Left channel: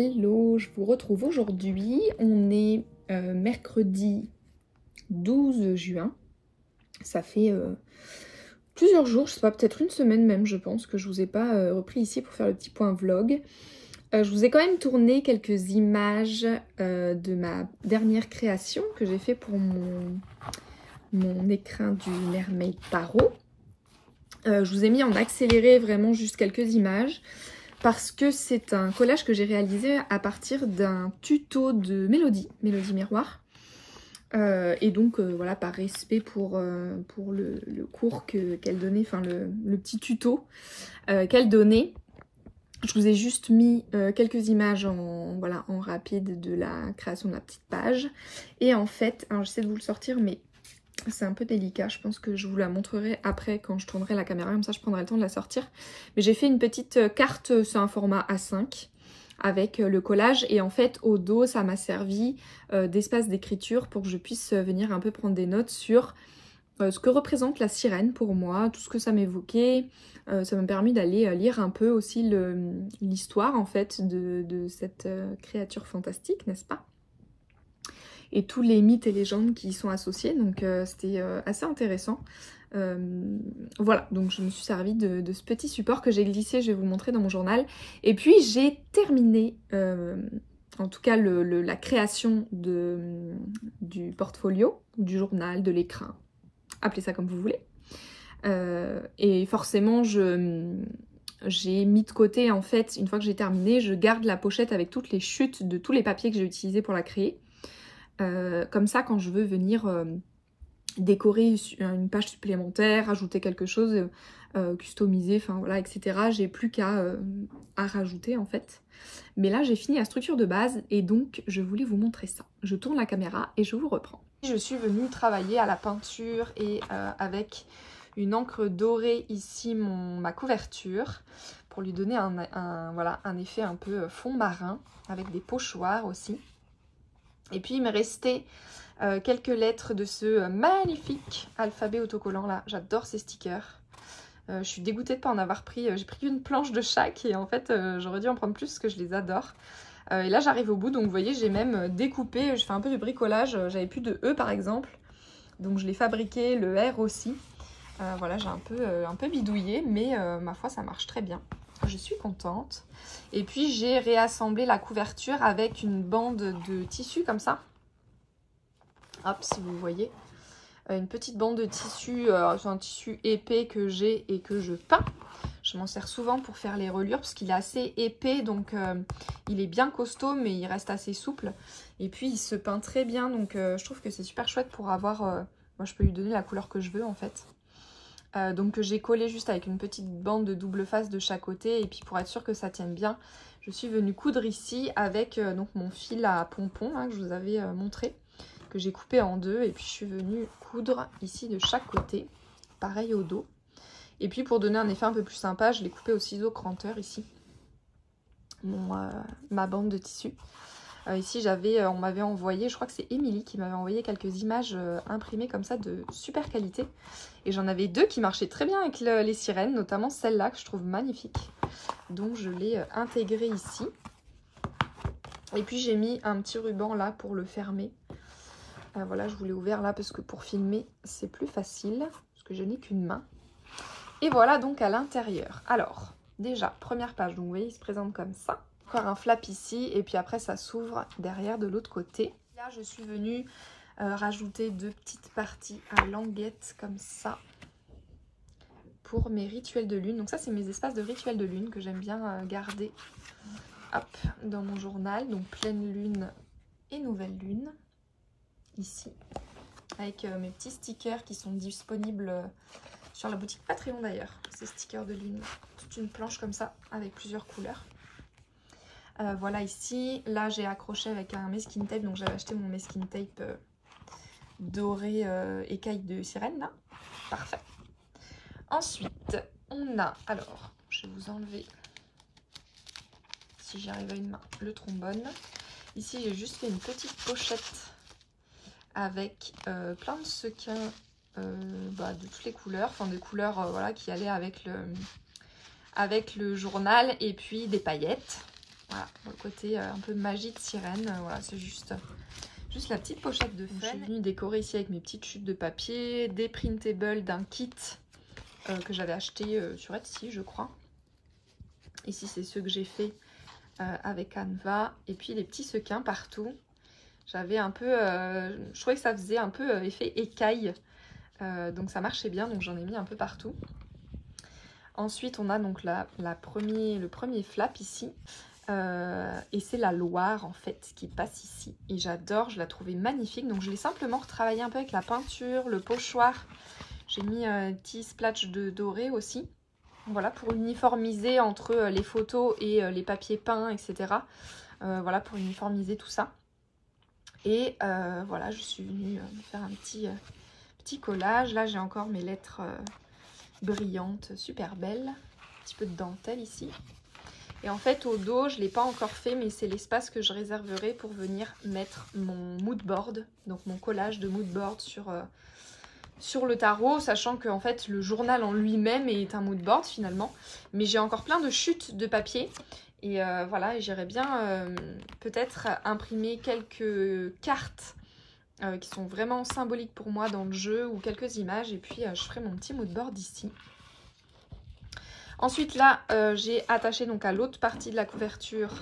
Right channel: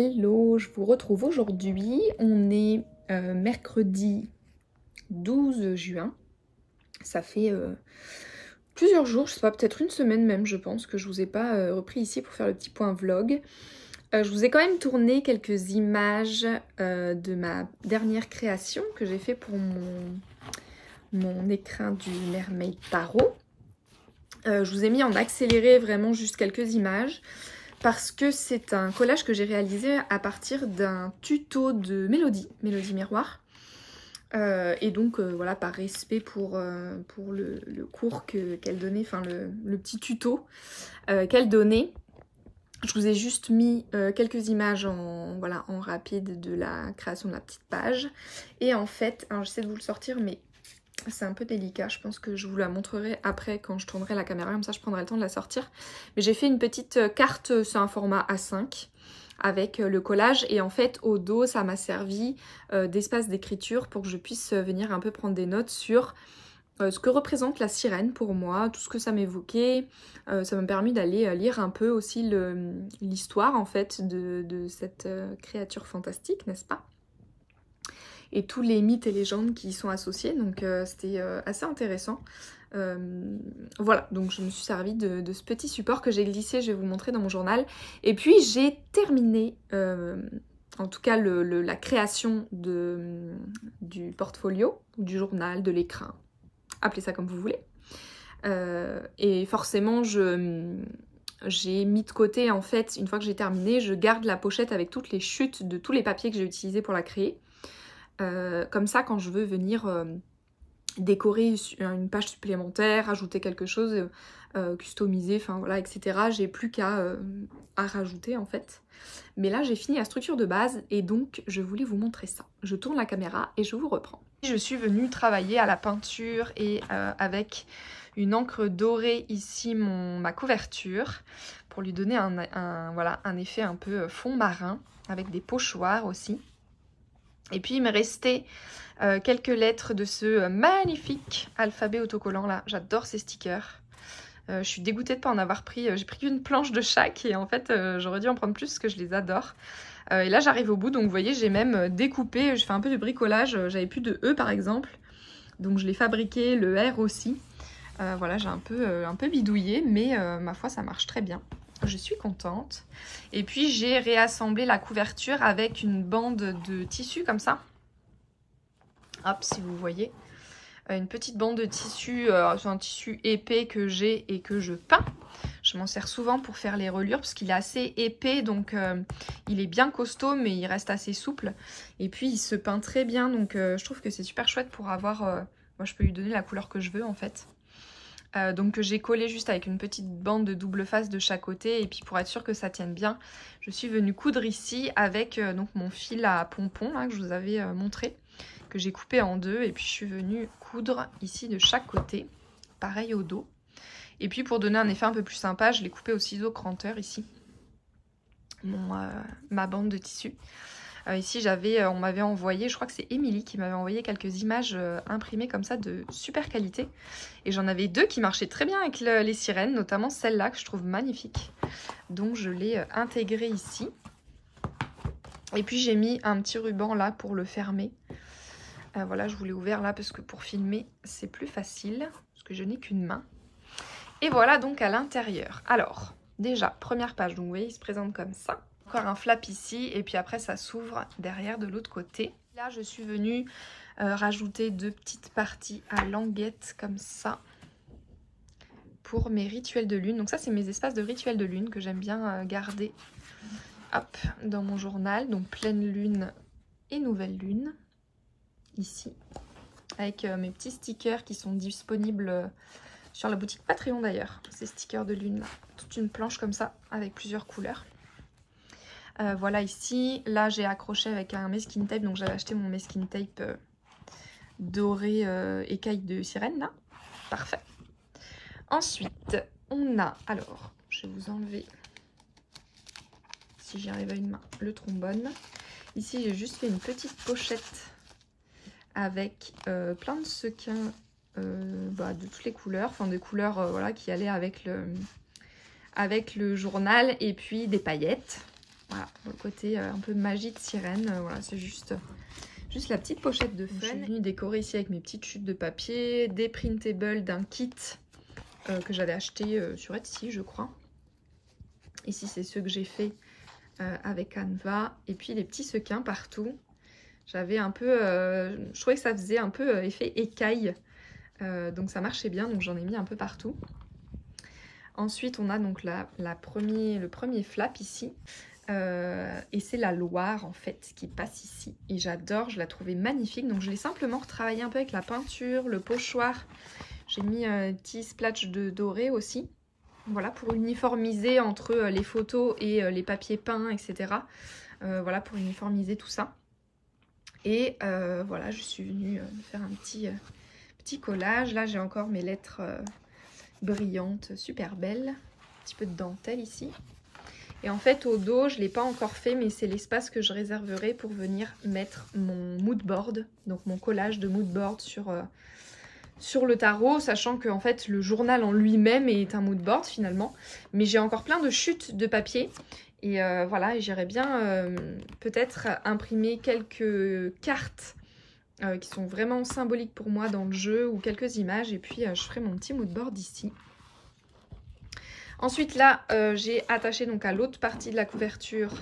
Hello, je vous retrouve aujourd'hui. On est mercredi 12 juin. Ça fait plusieurs jours, je sais pas, peut-être une semaine même, je pense, que je vous ai pas repris ici pour faire le petit point vlog. Je vous ai quand même tourné quelques images de ma dernière création que j'ai fait pour mon écrin du Mermaid Tarot. Je vous ai mis en accéléré vraiment juste quelques images parce que c'est un collage que j'ai réalisé à partir d'un tuto de Mélodie Miroir. Et donc voilà, par respect pour le cours qu'elle donnait, enfin le petit tuto qu'elle donnait, je vous ai juste mis quelques images en rapide de la création de la petite page. Et en fait, j'essaie de vous le sortir, mais c'est un peu délicat, je pense que je vous la montrerai après quand je tournerai la caméra, comme ça je prendrai le temps de la sortir. Mais j'ai fait une petite carte sur un format A5 avec le collage et en fait au dos ça m'a servi d'espace d'écriture pour que je puisse venir un peu prendre des notes sur ce que représente la sirène pour moi, tout ce que ça m'évoquait. Ça m'a permis d'aller lire un peu aussi l'histoire en fait de cette créature fantastique, n'est-ce pas ? Et tous les mythes et légendes qui y sont associés, donc c'était assez intéressant. Voilà, donc je me suis servie de ce petit support que j'ai glissé, je vais vous montrer dans mon journal. Et puis j'ai terminé, en tout cas la création du portfolio, du journal, de l'écrin, appelez ça comme vous voulez. Et forcément j'ai mis de côté, en fait, une fois que j'ai terminé, je garde la pochette avec toutes les chutes de tous les papiers que j'ai utilisés pour la créer. Comme ça, quand je veux venir décorer une page supplémentaire, ajouter quelque chose, customiser, enfin voilà, etc. J'ai plus qu'à rajouter en fait. Mais là, j'ai fini la structure de base et donc je voulais vous montrer ça. Je tourne la caméra et je vous reprends. Je suis venue travailler à la peinture et avec une encre dorée ici ma couverture pour lui donner un effet un peu fond marin avec des pochoirs aussi. Et puis il me restait quelques lettres de ce magnifique alphabet autocollant là. J'adore ces stickers. Je suis dégoûtée de ne pas en avoir pris. J'ai pris une planche de chaque et en fait j'aurais dû en prendre plus parce que je les adore. Et là j'arrive au bout, donc vous voyez j'ai même découpé, je fais un peu de bricolage. J'avais plus de E par exemple, donc je l'ai fabriqué, le R aussi. Voilà, j'ai un peu bidouillé, mais ma foi ça marche très bien. Je suis contente. Et puis j'ai réassemblé la couverture avec une bande de tissu comme ça. Hop, si vous voyez. Une petite bande de tissu, c'est un tissu épais que j'ai et que je peins. Je m'en sers souvent pour faire les reliures parce qu'il est assez épais, donc il est bien costaud mais il reste assez souple. Et puis il se peint très bien, donc je trouve que c'est super chouette pour avoir... moi je peux lui donner la couleur que je veux en fait. Donc j'ai collé juste avec une petite bande de double face de chaque côté et puis pour être sûr que ça tienne bien, je suis venue coudre ici avec donc mon fil à pompon là, que je vous avais montré, que j'ai coupé en deux et puis je suis venue coudre ici de chaque côté, pareil au dos. Et puis pour donner un effet un peu plus sympa, je l'ai coupé au ciseau cranteur ici, ma bande de tissu. Ici on m'avait envoyé, je crois que c'est Émilie qui m'avait envoyé quelques images imprimées comme ça de super qualité. Et j'en avais deux qui marchaient très bien avec les sirènes, notamment celle-là que je trouve magnifique. Donc je l'ai intégrée ici. Et puis j'ai mis un petit ruban là pour le fermer. Voilà, je vous l'ai ouvert là parce que pour filmer c'est plus facile, parce que je n'ai qu'une main. Et voilà donc à l'intérieur. Alors, déjà, première page, donc vous voyez, il se présente comme ça. Encore un flap ici et puis après ça s'ouvre derrière de l'autre côté. Là je suis venue rajouter deux petites parties à languettes comme ça pour mes rituels de lune. Donc ça c'est mes espaces de rituels de lune que j'aime bien garder hop, dans mon journal. Donc pleine lune et nouvelle lune ici avec mes petits stickers qui sont disponibles sur la boutique Patreon d'ailleurs. Ces stickers de lune, toute une planche comme ça avec plusieurs couleurs. Voilà ici, là j'ai accroché avec un masking tape, donc j'avais acheté mon masking tape doré écaille de sirène là, parfait. Ensuite on a, alors je vais vous enlever, si j'y arrive à une main, le trombone. Ici j'ai juste fait une petite pochette avec plein de sequins de toutes les couleurs, enfin des couleurs voilà, qui allaient avec le journal et puis des paillettes. Voilà, le côté un peu magie de sirène. Voilà, c'est juste la petite pochette de fun. Je suis venue décorer ici avec mes petites chutes de papier, des printables d'un kit que j'avais acheté sur Etsy, je crois. Ici, c'est ceux que j'ai fait avec Canva. Et puis, les petits sequins partout. J'avais un peu... je trouvais que ça faisait un peu effet écaille. Donc, ça marchait bien. Donc, j'en ai mis un peu partout. Ensuite, on a donc le premier flap ici. Et c'est la Loire en fait qui passe ici. Et j'adore, je la trouvais magnifique. Donc, je l'ai simplement retravaillé un peu avec la peinture, le pochoir. J'ai mis un petit splash de doré aussi. Voilà, pour uniformiser entre les photos et les papiers peints, etc. Voilà, pour uniformiser tout ça. Et voilà, je suis venue faire un petit collage. Là, j'ai encore mes lettres brillantes, super belles. Un petit peu de dentelle ici. Et en fait, au dos, je ne l'ai pas encore fait, mais c'est l'espace que je réserverai pour venir mettre mon mood board. Donc, mon collage de mood board sur le tarot, sachant que en fait le journal en lui-même est un mood board finalement, mais j'ai encore plein de chutes de papier et voilà, j'irais bien peut-être imprimer quelques cartes qui sont vraiment symboliques pour moi dans le jeu ou quelques images et puis je ferai mon petit mood board ici. Ensuite là j'ai attaché donc à l'autre partie de la couverture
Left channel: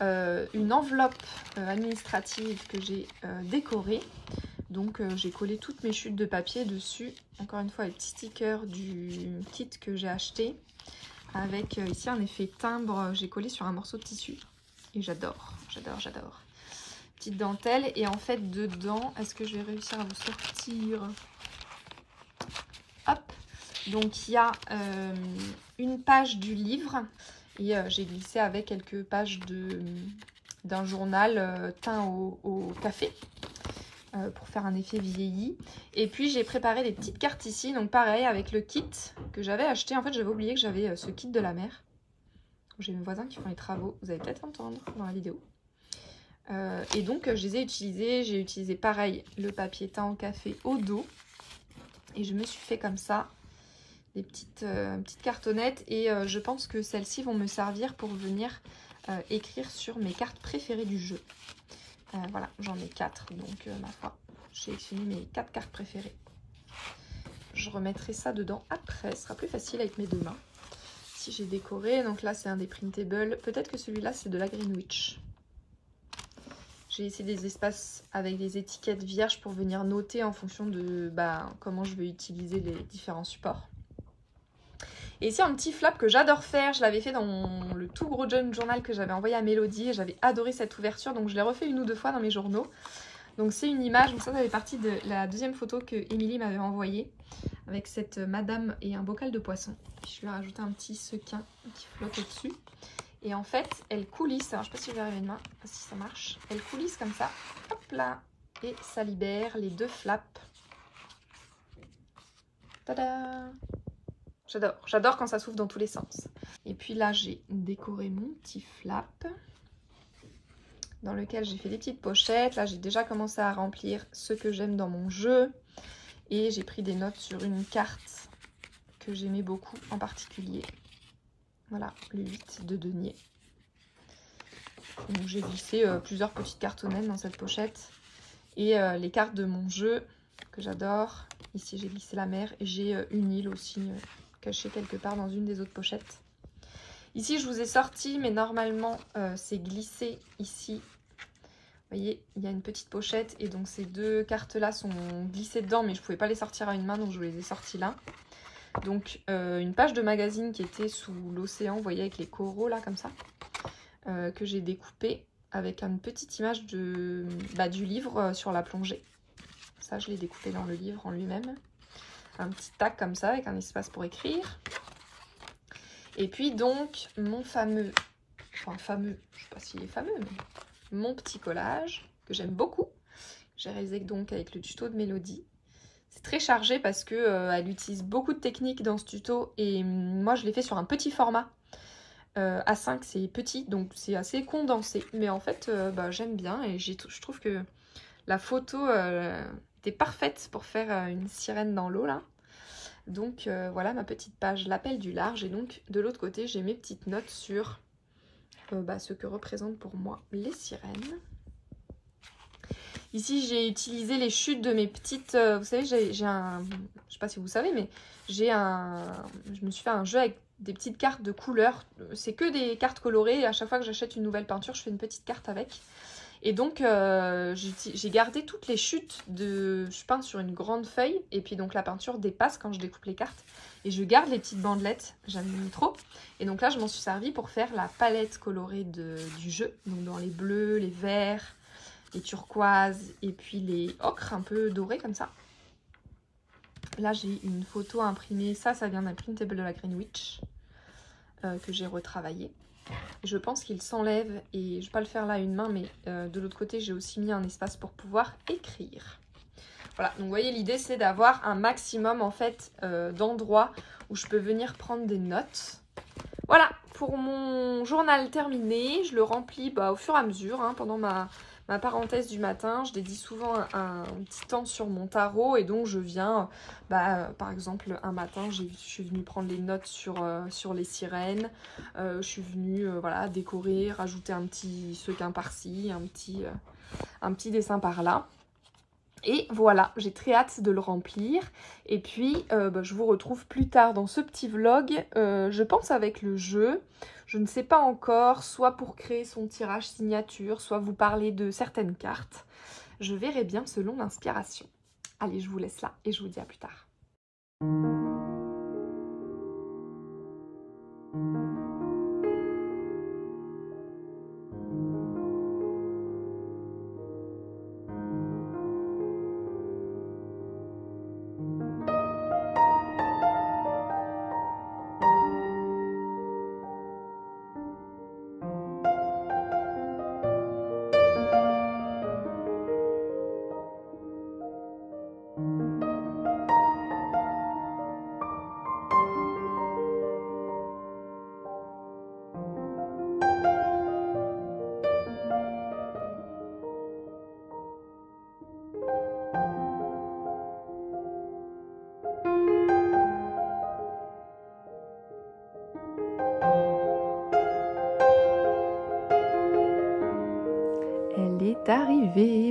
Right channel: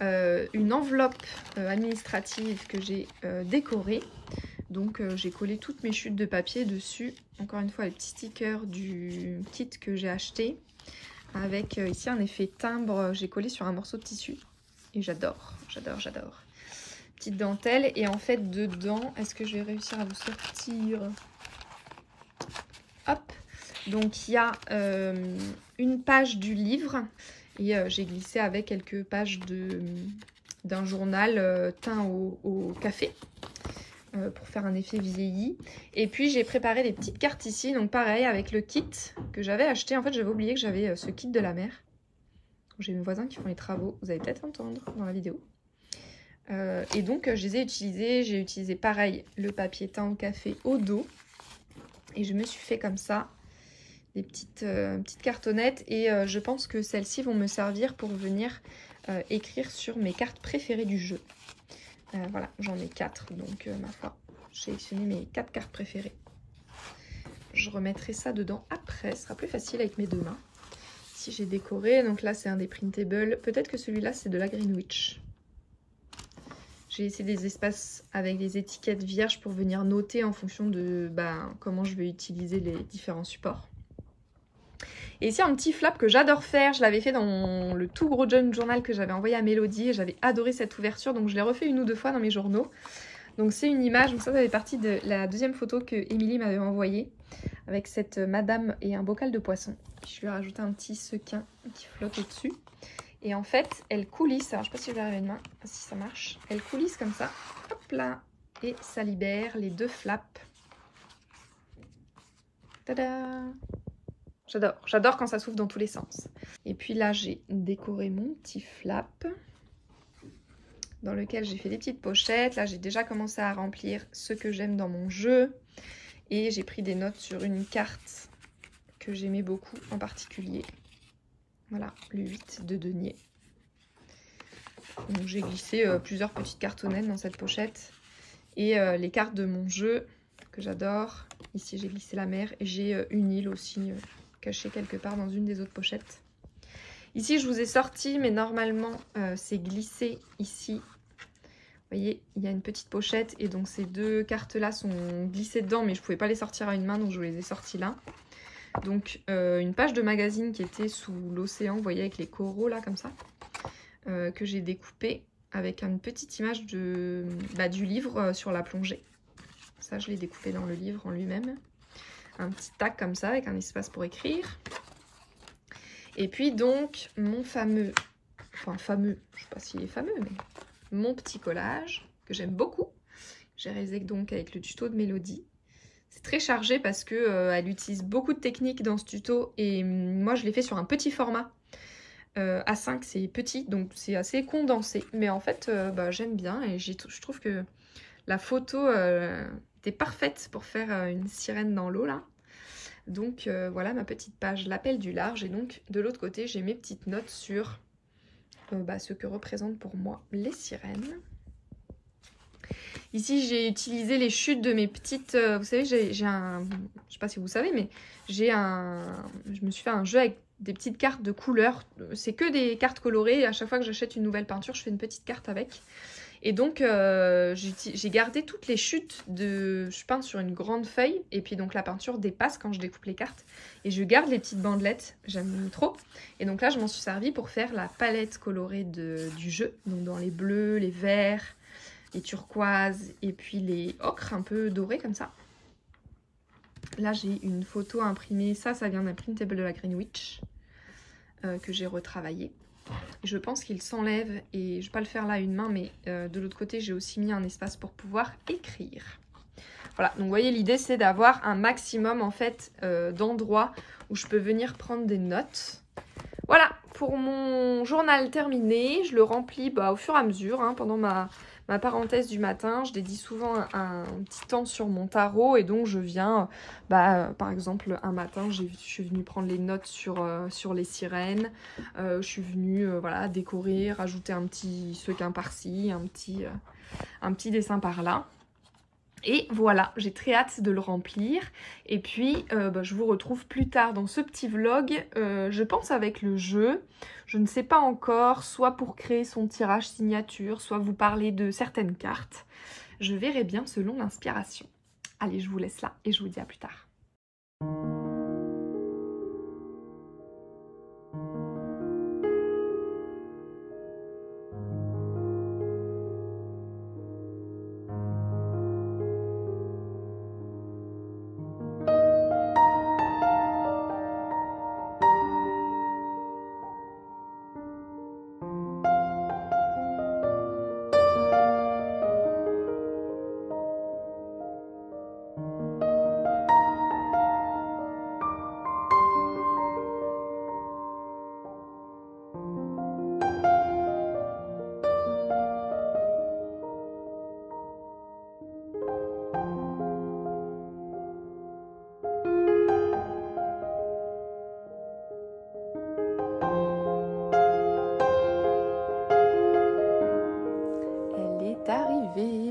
une enveloppe administrative que j'ai décorée. Donc j'ai collé toutes mes chutes de papier dessus. Encore une fois les petits stickers du kit que j'ai acheté. Avec ici un effet timbre, j'ai collé sur un morceau de tissu. Et j'adore, j'adore, j'adore. Petite dentelle et en fait dedans, est-ce que je vais réussir à vous sortir? Hop. Donc il y a une page du livre. Et j'ai glissé avec quelques pages d'un journal teint au café. Pour faire un effet vieilli. Et puis j'ai préparé des petites cartes ici, donc pareil avec le kit que j'avais acheté. En fait j'avais oublié que j'avais ce kit de la mer. J'ai mes voisins qui font les travaux, vous allez peut-être entendre dans la vidéo. Et donc je les ai utilisés, j'ai utilisé pareil le papier teint au café au dos. Et je me suis fait comme ça des petites cartonnettes et je pense que celles-ci vont me servir pour venir écrire sur mes cartes préférées du jeu. Voilà, j'en ai 4, donc ma foi, j'ai sélectionné mes 4 cartes préférées. Je remettrai ça dedans après, ce sera plus facile avec mes deux mains. Si j'ai décoré, donc là c'est un des printables, peut-être que celui-là c'est de la Greenwich. J'ai laissé des espaces avec des étiquettes vierges pour venir noter en fonction de comment je vais utiliser les différents supports. Et ici un petit flap que j'adore faire, je l'avais fait dans le tout gros journal que j'avais envoyé à Mélodie et j'avais adoré cette ouverture, donc je l'ai refait une ou deux fois dans mes journaux. Donc c'est une image, donc ça fait partie de la deuxième photo que Émilie m'avait envoyée avec cette madame et un bocal de poisson. Je lui ai rajouté un petit sequin qui flotte au-dessus. Et en fait, elle coulisse, alors je ne sais pas si je vais arriver à une main, si ça marche. Elle coulisse comme ça, hop là, et ça libère les deux flaps. Tada! J'adore quand ça s'ouvre dans tous les sens. Et puis là, j'ai décoré mon petit flap dans lequel j'ai fait des petites pochettes. Là, j'ai déjà commencé à remplir ce que j'aime dans mon jeu. Et j'ai pris des notes sur une carte que j'aimais beaucoup en particulier. Voilà, le 8 de denier. Donc j'ai glissé plusieurs petites cartonnettes dans cette pochette. Et les cartes de mon jeu que j'adore. Ici, j'ai glissé la mer et j'ai une île aussi cachée quelque part dans une des autres pochettes. Ici, je vous ai sorti, mais normalement, c'est glissé ici. Vous voyez, il y a une petite pochette et donc ces deux cartes-là sont glissées dedans, mais je ne pouvais pas les sortir à une main, donc je vous les ai sorties là. Donc, une page de magazine qui était sous l'océan, vous voyez, avec les coraux là, comme ça, que j'ai découpé avec une petite image du livre sur la plongée. Ça, je l'ai découpé dans le livre en lui-même. Un petit tag comme ça, avec un espace pour écrire. Et puis donc, mon fameux, je ne sais pas s'il est fameux, mais mon petit collage, que j'aime beaucoup. J'ai réalisé donc avec le tuto de Mélodie. C'est très chargé parce que elle utilise beaucoup de techniques dans ce tuto. Et moi, je l'ai fait sur un petit format. A5, c'est petit, donc c'est assez condensé. Mais en fait, j'aime bien et je trouve que la photo était parfaite pour faire une sirène dans l'eau là. Donc voilà ma petite page l'appel du large et donc de l'autre côté j'ai mes petites notes sur ce que représentent pour moi les sirènes. Ici, j'ai utilisé les chutes de mes petites... vous savez, j'ai un... Je sais pas si vous savez, mais j'ai un... Je me suis fait un jeu avec des petites cartes de couleurs. C'est que des cartes colorées. Et à chaque fois que j'achète une nouvelle peinture, je fais une petite carte avec. Et donc, j'ai gardé toutes les chutes de... Je peins sur une grande feuille. Et puis, donc, la peinture dépasse quand je découpe les cartes. Et je garde les petites bandelettes. J'aime trop. Et donc là, je m'en suis servi pour faire la palette colorée du jeu. Donc, dans les bleus, les verts... les turquoises et puis les ocres un peu dorés comme ça. Là j'ai une photo imprimée, ça vient d'un printable de la Greenwich que j'ai retravaillé. Je pense qu'il s'enlève et je ne vais pas le faire là à une main, mais de l'autre côté j'ai aussi mis un espace pour pouvoir écrire. Voilà, donc vous voyez l'idée c'est d'avoir un maximum en fait d'endroits où je peux venir prendre des notes. Voilà pour mon journal terminé, je le remplis au fur et à mesure pendant ma parenthèse du matin. Je dédie souvent un petit temps sur mon tarot et donc je viens, par exemple un matin je suis venue prendre les notes sur les sirènes, je suis venue voilà, décorer, rajouter un petit sequin par-ci, un petit dessin par-là. Et voilà, j'ai très hâte de le remplir. Et puis, je vous retrouve plus tard dans ce petit vlog, je pense avec le jeu. Je ne sais pas encore, soit pour créer son tirage signature, soit vous parler de certaines cartes. Je verrai bien selon l'inspiration. Allez, je vous laisse là et je vous dis à plus tard.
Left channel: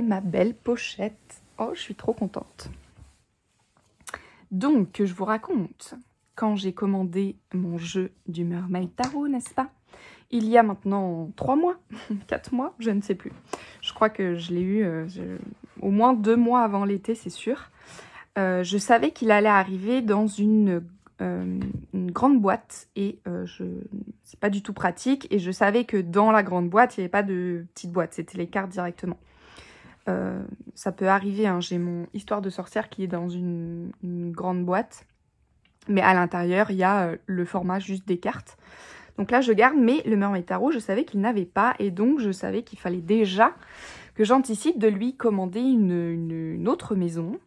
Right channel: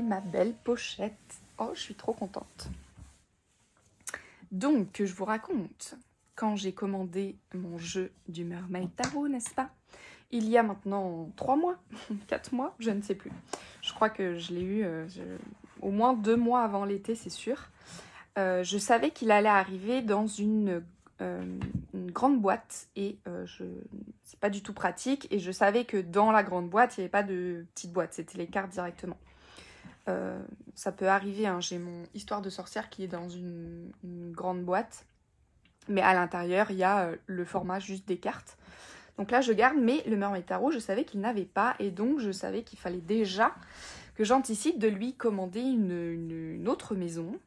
Ma belle pochette. Oh, je suis trop contente. Donc, je vous raconte, quand j'ai commandé mon jeu du Mermaid Tarot, n'est-ce pas? Il y a maintenant 3 mois, 4 mois, je ne sais plus. Je crois que je l'ai eu au moins 2 mois avant l'été, c'est sûr. Je savais qu'il allait arriver dans une grande boîte et c'est pas du tout pratique. Et je savais que dans la grande boîte, il n'y avait pas de petite boîte, c'était les cartes directement. Ça peut arriver, j'ai mon Histoire de sorcière qui est dans une grande boîte, mais à l'intérieur il y a le format juste des cartes. Donc là je garde, mais le Mermaid Tarot je savais qu'il n'avait pas, et donc je savais qu'il fallait déjà que j'anticipe de lui commander une autre maison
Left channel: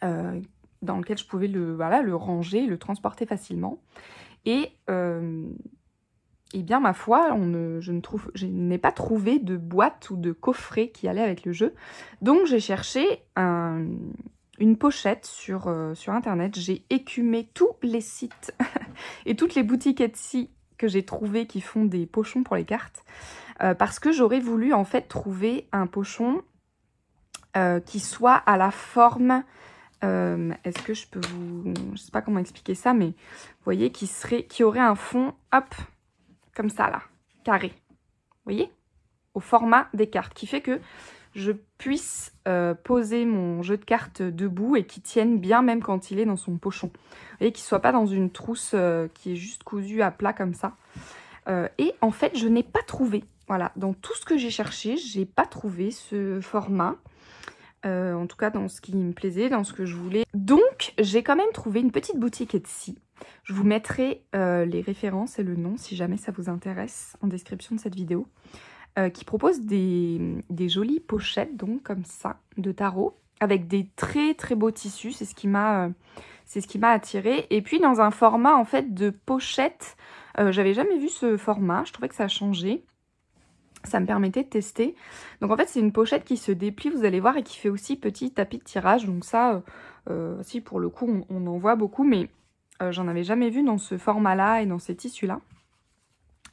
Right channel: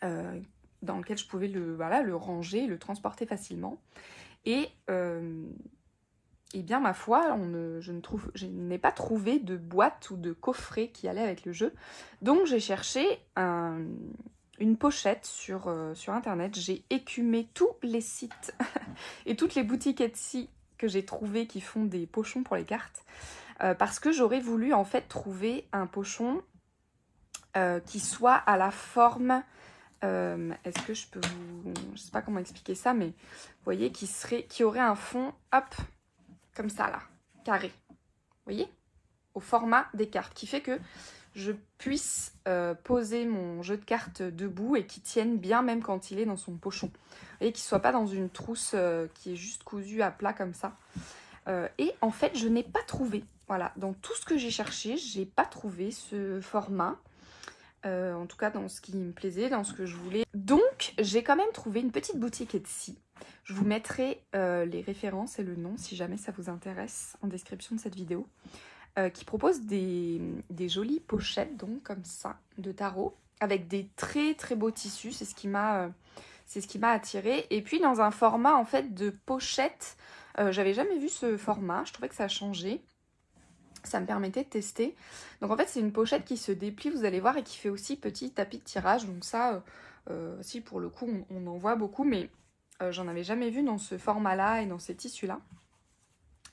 dans laquelle je pouvais le ranger, le transporter facilement. Et bien, ma foi, je n'ai pas trouvé de boîte ou de coffret qui allait avec le jeu. Donc, j'ai cherché une pochette sur Internet. J'ai écumé tous les sites et toutes les boutiques Etsy que j'ai trouvées qui font des pochons pour les cartes. Parce que j'aurais voulu, en fait, trouver un pochon qui soit à la forme... Est-ce que je peux vous... Je sais pas comment expliquer ça, mais vous voyez, qui aurait un fond, hop... comme ça là, carré, vous voyez, au format des cartes, qui fait que je puisse poser mon jeu de cartes debout et qu'il tienne bien même quand il est dans son pochon. Vous voyez, qu'il ne soit pas dans une trousse qui est juste cousue à plat comme ça. Et en fait, je n'ai pas trouvé, voilà, dans tout ce que j'ai cherché, j'ai pas trouvé ce format. En tout cas dans ce qui me plaisait, dans ce que je voulais. Donc j'ai quand même trouvé une petite boutique Etsy. Je vous mettrai les références et le nom si jamais ça vous intéresse en description de cette vidéo. Qui propose des jolies pochettes, donc comme ça, de tarot, avec des très très beaux tissus. C'est ce qui m'a attirée. Et puis dans un format en fait de pochette, j'avais jamais vu ce format, je trouvais que ça a changé. Ça me permettait de tester. Donc en fait c'est une pochette qui se déplie, vous allez voir, et qui fait aussi petit tapis de tirage. Donc ça, si pour le coup on en voit beaucoup, mais j'en avais jamais vu dans ce format là et dans ces tissus là.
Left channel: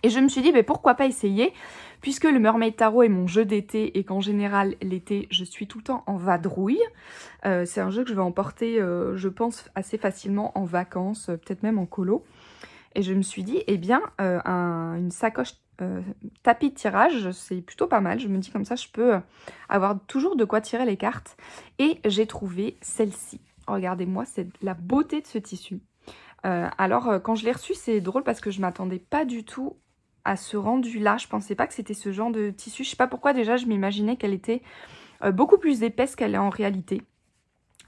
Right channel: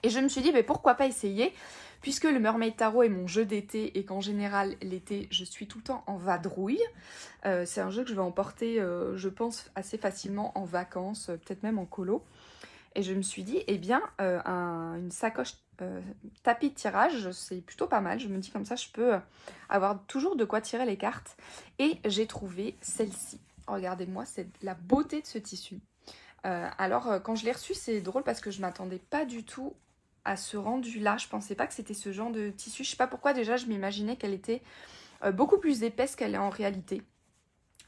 Et je me suis dit, mais pourquoi pas essayer, puisque le Mermaid Tarot est mon jeu d'été et qu'en général, l'été, je suis tout le temps en vadrouille. C'est un jeu que je vais emporter, je pense, assez facilement en vacances, peut-être même en colo. Et je me suis dit, eh bien, une sacoche tapis de tirage, c'est plutôt pas mal. Je me dis comme ça, je peux avoir toujours de quoi tirer les cartes. Et j'ai trouvé celle-ci. Regardez-moi, c'est la beauté de ce tissu. Alors, quand je l'ai reçu, c'est drôle parce que je ne m'attendais pas du tout à ce rendu-là. Je pensais pas que c'était ce genre de tissu. Je sais pas pourquoi, déjà, je m'imaginais qu'elle était beaucoup plus épaisse qu'elle est en réalité.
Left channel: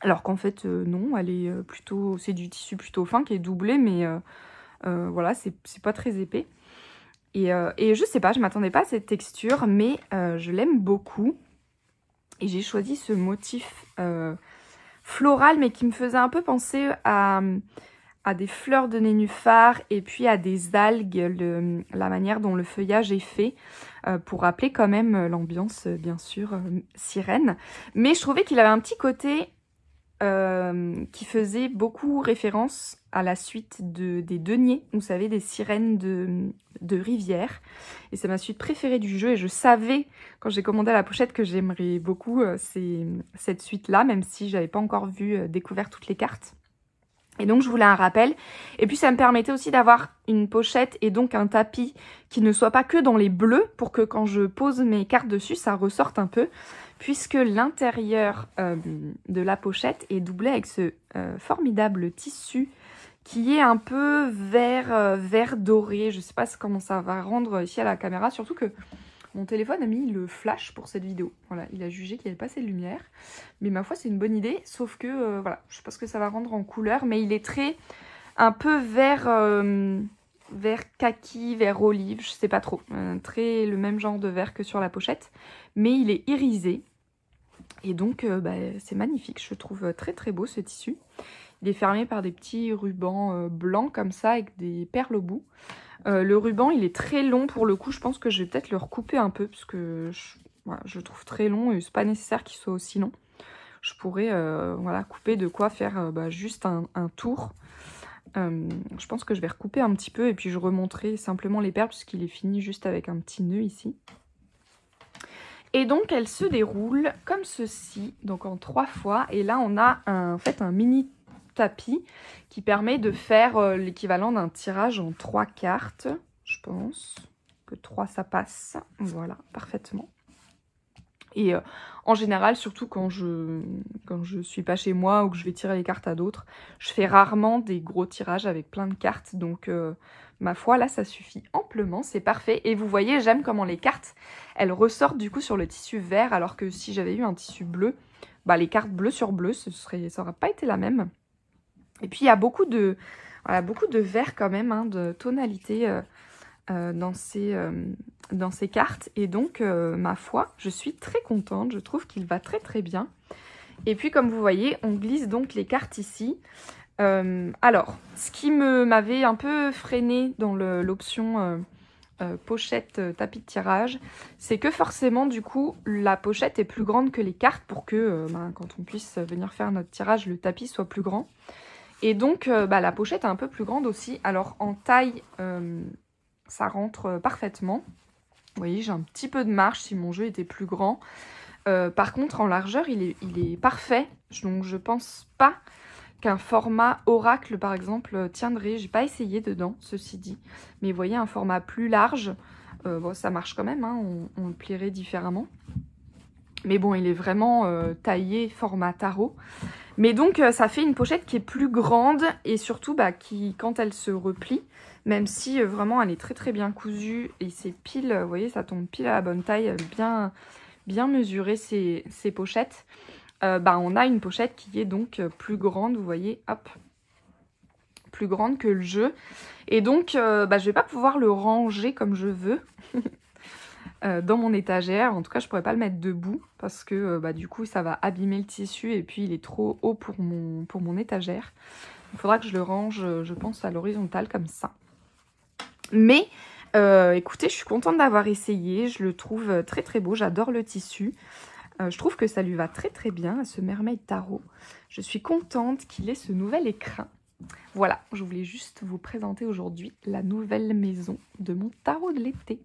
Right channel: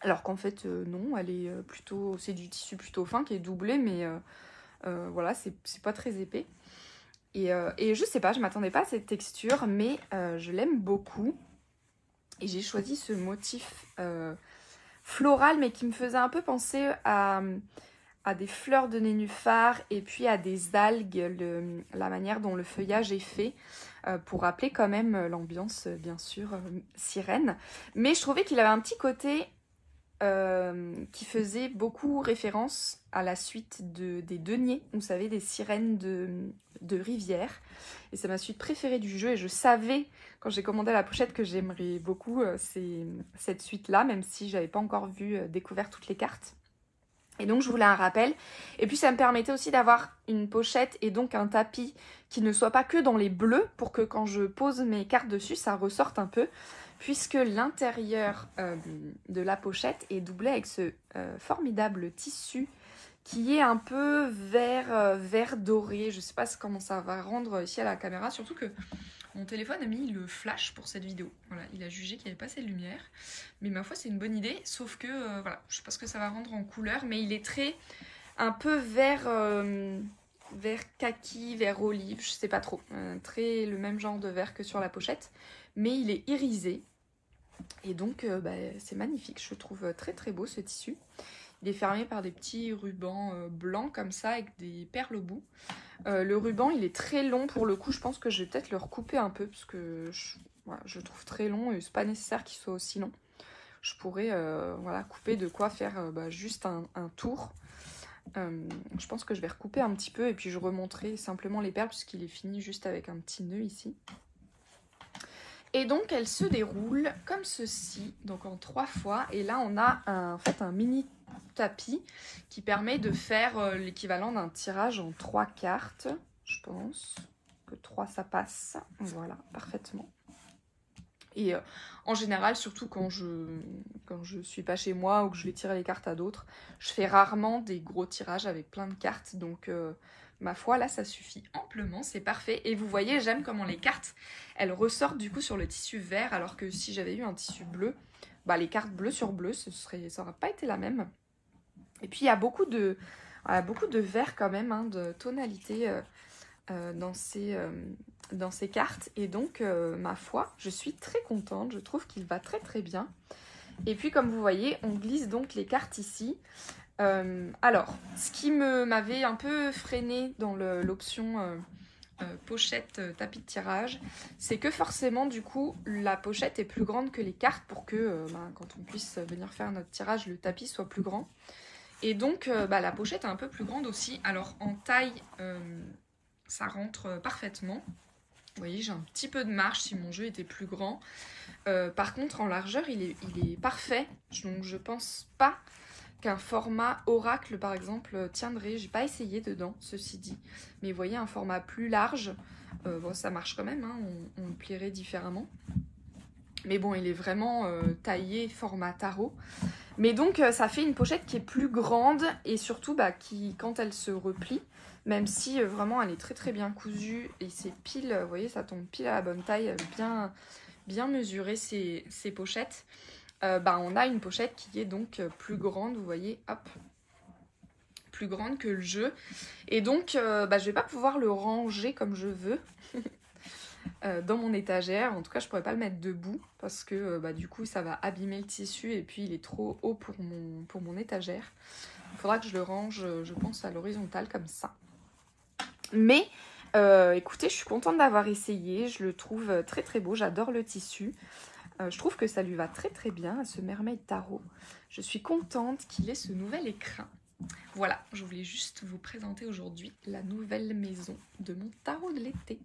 Alors qu'en fait, non, elle est plutôt... C'est du tissu plutôt fin qui est doublé, mais voilà, c'est pas très épais. Et je sais pas, je m'attendais pas à cette texture, mais je l'aime beaucoup. Et j'ai choisi ce motif floral, mais qui me faisait un peu penser à des fleurs de nénuphar et puis à des algues, la manière dont le feuillage est fait, pour rappeler quand même l'ambiance, bien sûr, sirène. Mais je trouvais qu'il avait un petit côté qui faisait beaucoup référence à la suite des deniers, vous savez, des sirènes de rivière. Et c'est ma suite préférée du jeu et je savais, quand j'ai commandé la pochette, que j'aimerais beaucoup cette suite-là, même si j'avais pas encore découvert toutes les cartes. Et donc je voulais un rappel, et puis ça me permettait aussi d'avoir une pochette et donc un tapis qui ne soit pas que dans les bleus, pour que quand je pose mes cartes dessus, ça ressorte un peu, puisque l'intérieur de la pochette est doublé avec ce formidable tissu qui est un peu vert doré. Je ne sais pas comment ça va rendre ici à la caméra, surtout que mon téléphone a mis le flash pour cette vidéo. Voilà, il a jugé qu'il n'y avait pas assez de lumière. Mais ma foi, c'est une bonne idée. Sauf que, voilà, je ne sais pas ce que ça va rendre en couleur. Mais il est un peu vert kaki, vert olive, je ne sais pas trop. Très le même genre de vert que sur la pochette. Mais il est irisé. Et donc, c'est magnifique. Je trouve très très beau ce tissu. Il est fermé par des petits rubans blancs comme ça, avec des perles au bout. Le ruban, il est très long pour le coup. Je pense que je vais peut-être le recouper un peu parce que je le trouve très long et c'est pas nécessaire qu'il soit aussi long. Je pourrais voilà, couper de quoi faire juste un tour. Je pense que je vais recouper un petit peu et puis je remonterai simplement les perles puisqu'il est fini juste avec un petit nœud ici. Et donc elle se déroule comme ceci, donc en 3 fois. Et là on a en fait un mini tapis qui permet de faire l'équivalent d'un tirage en 3 cartes. Je pense que 3 ça passe. Voilà, parfaitement. Et en général, surtout quand je suis pas chez moi ou que je vais tirer les cartes à d'autres, je fais rarement des gros tirages avec plein de cartes. Donc ma foi, là ça suffit amplement, c'est parfait. Et vous voyez, j'aime comment les cartes, elles ressortent du coup sur le tissu vert, alors que si j'avais eu un tissu bleu, les cartes bleu sur bleu, ça n'aurait pas été la même. Et puis il y a beaucoup de vert quand même, hein, de tonalité dans ces cartes. Et donc, ma foi, je suis très contente. Je trouve qu'il va très très bien. Et puis, comme vous voyez, on glisse donc les cartes ici. Alors, ce qui m'avait un peu freiné dans l'option pochette tapis de tirage, c'est que forcément, du coup, la pochette est plus grande que les cartes pour que, quand on puisse venir faire notre tirage, le tapis soit plus grand. Et donc, la pochette est un peu plus grande aussi. Alors, en taille, ça rentre parfaitement. Vous voyez, j'ai un petit peu de marge si mon jeu était plus grand. Par contre, en largeur, il est parfait. Donc, je pense pas qu'un format Oracle, par exemple, tiendrait. J'ai pas essayé dedans, ceci dit. Mais vous voyez, un format plus large, bon, ça marche quand même, hein, on le plierait différemment. Mais bon, il est vraiment taillé format tarot. Mais donc, ça fait une pochette qui est plus grande et surtout, qui, quand elle se replie, même si vraiment elle est très très bien cousue et c'est pile, vous voyez, ça tombe pile à la bonne taille, bien mesuré ces pochettes, on a une pochette qui est donc plus grande, vous voyez, hop, plus grande que le jeu. Et donc, je vais pas pouvoir le ranger comme je veux dans mon étagère. En tout cas, je pourrais pas le mettre debout parce que du coup, ça va abîmer le tissu et puis il est trop haut pour mon étagère. Il faudra que je le range, je pense, à l'horizontale comme ça. Mais écoutez, je suis contente d'avoir essayé. Je le trouve très très beau. J'adore le tissu. Je trouve que ça lui va très très bien à ce Mermaid Tarot. Je suis contente qu'il ait ce nouvel écrin. Voilà, je voulais juste vous présenter aujourd'hui la nouvelle maison de mon tarot de l'été.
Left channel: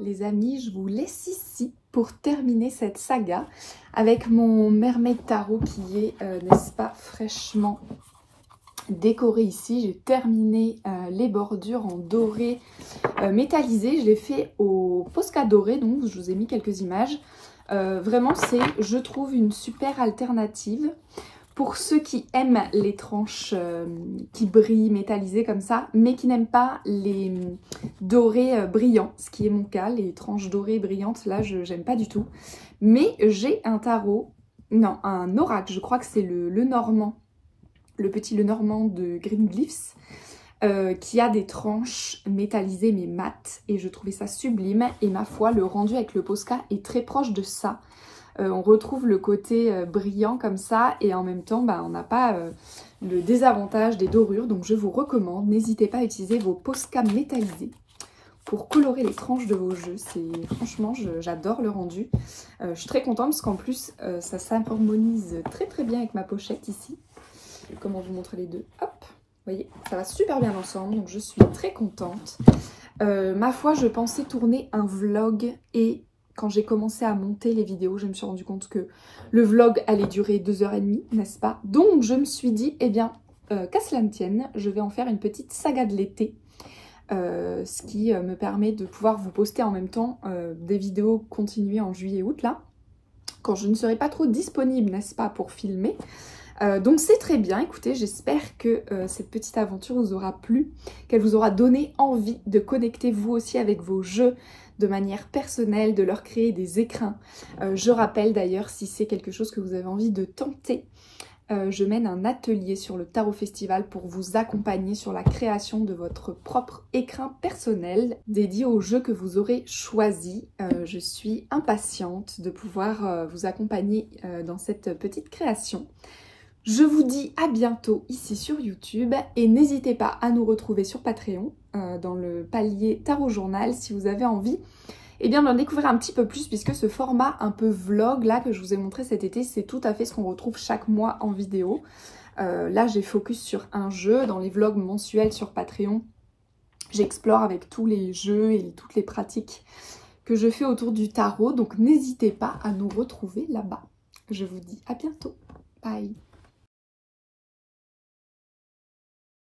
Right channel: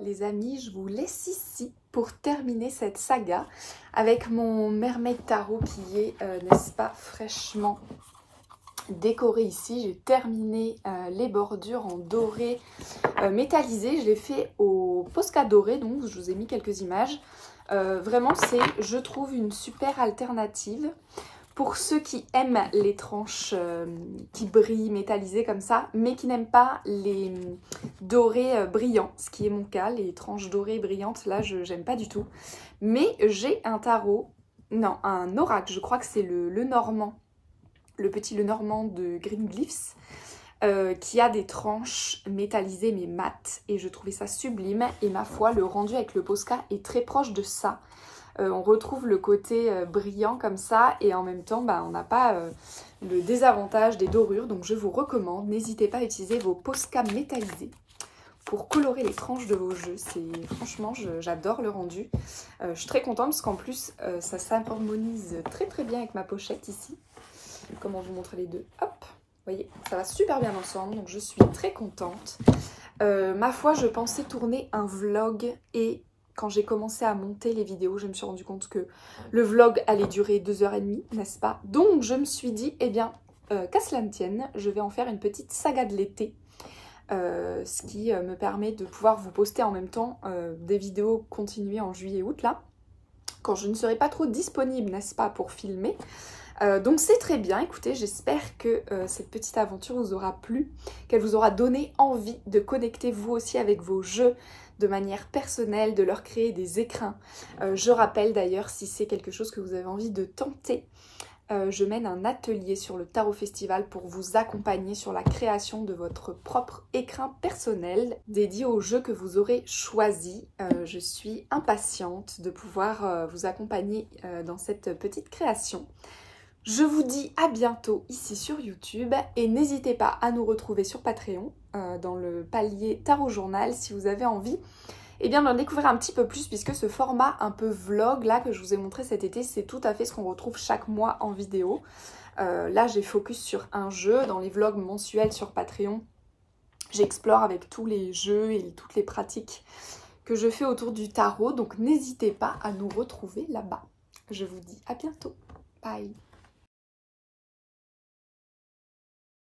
Les amis, je vous laisse ici pour terminer cette saga avec mon Mermaid Tarot qui est, n'est-ce pas, fraîchement décoré ici. J'ai terminé les bordures en doré métallisé. Je l'ai fait au Posca doré, donc je vous ai mis quelques images. Vraiment, c'est, je trouve, une super alternative. Pour ceux qui aiment les tranches qui brillent, métallisées comme ça, mais qui n'aiment pas les dorés brillants, ce qui est mon cas, les tranches dorées brillantes, là, je n'aime pas du tout. Mais j'ai un tarot, non, un oracle, je crois que c'est le Normand, le petit Lenormand de Green Glyphs, qui a des tranches métallisées mais mates, et je trouvais ça sublime, et ma foi, le rendu avec le Posca est très proche de ça. On retrouve le côté brillant comme ça et en même temps on n'a pas le désavantage des dorures, donc je vous recommande, n'hésitez pas à utiliser vos Posca métallisés pour colorer les tranches de vos jeux. Franchement, j'adore le rendu. Je suis très contente parce qu'en plus ça s'harmonise très très bien avec ma pochette ici. Comment vous montrer les deux? Hop, vous voyez, ça va super bien ensemble, donc je suis très contente. Ma foi, je pensais tourner un vlog et quand j'ai commencé à monter les vidéos, je me suis rendu compte que le vlog allait durer 2h30, n'est-ce pas? Donc je me suis dit, eh bien, qu'à cela ne tienne, je vais en faire une petite saga de l'été. Ce qui me permet de pouvoir vous poster en même temps des vidéos continuées en juillet-août, là, quand je ne serai pas trop disponible, n'est-ce pas, pour filmer. Donc c'est très bien, écoutez, j'espère que cette petite aventure vous aura plu, qu'elle vous aura donné envie de connecter vous aussi avec vos jeux, de manière personnelle, de leur créer des écrins. Je rappelle d'ailleurs, si c'est quelque chose que vous avez envie de tenter, je mène un atelier sur le Tarot Festival pour vous accompagner sur la création de votre propre écrin personnel dédié au jeu que vous aurez choisi. Je suis impatiente de pouvoir vous accompagner dans cette petite création. Je vous dis à bientôt ici sur YouTube et n'hésitez pas à nous retrouver sur Patreon dans le palier Tarot Journal si vous avez envie d'en découvrir un petit peu plus, puisque ce format un peu vlog là que je vous ai montré cet été, c'est tout à fait ce qu'on retrouve chaque mois en vidéo. Là j'ai focus sur un jeu. Dans les vlogs mensuels sur Patreon, j'explore avec tous les jeux et toutes les pratiques que je fais autour du tarot, donc n'hésitez pas à nous retrouver là-bas. Je vous dis à bientôt, bye.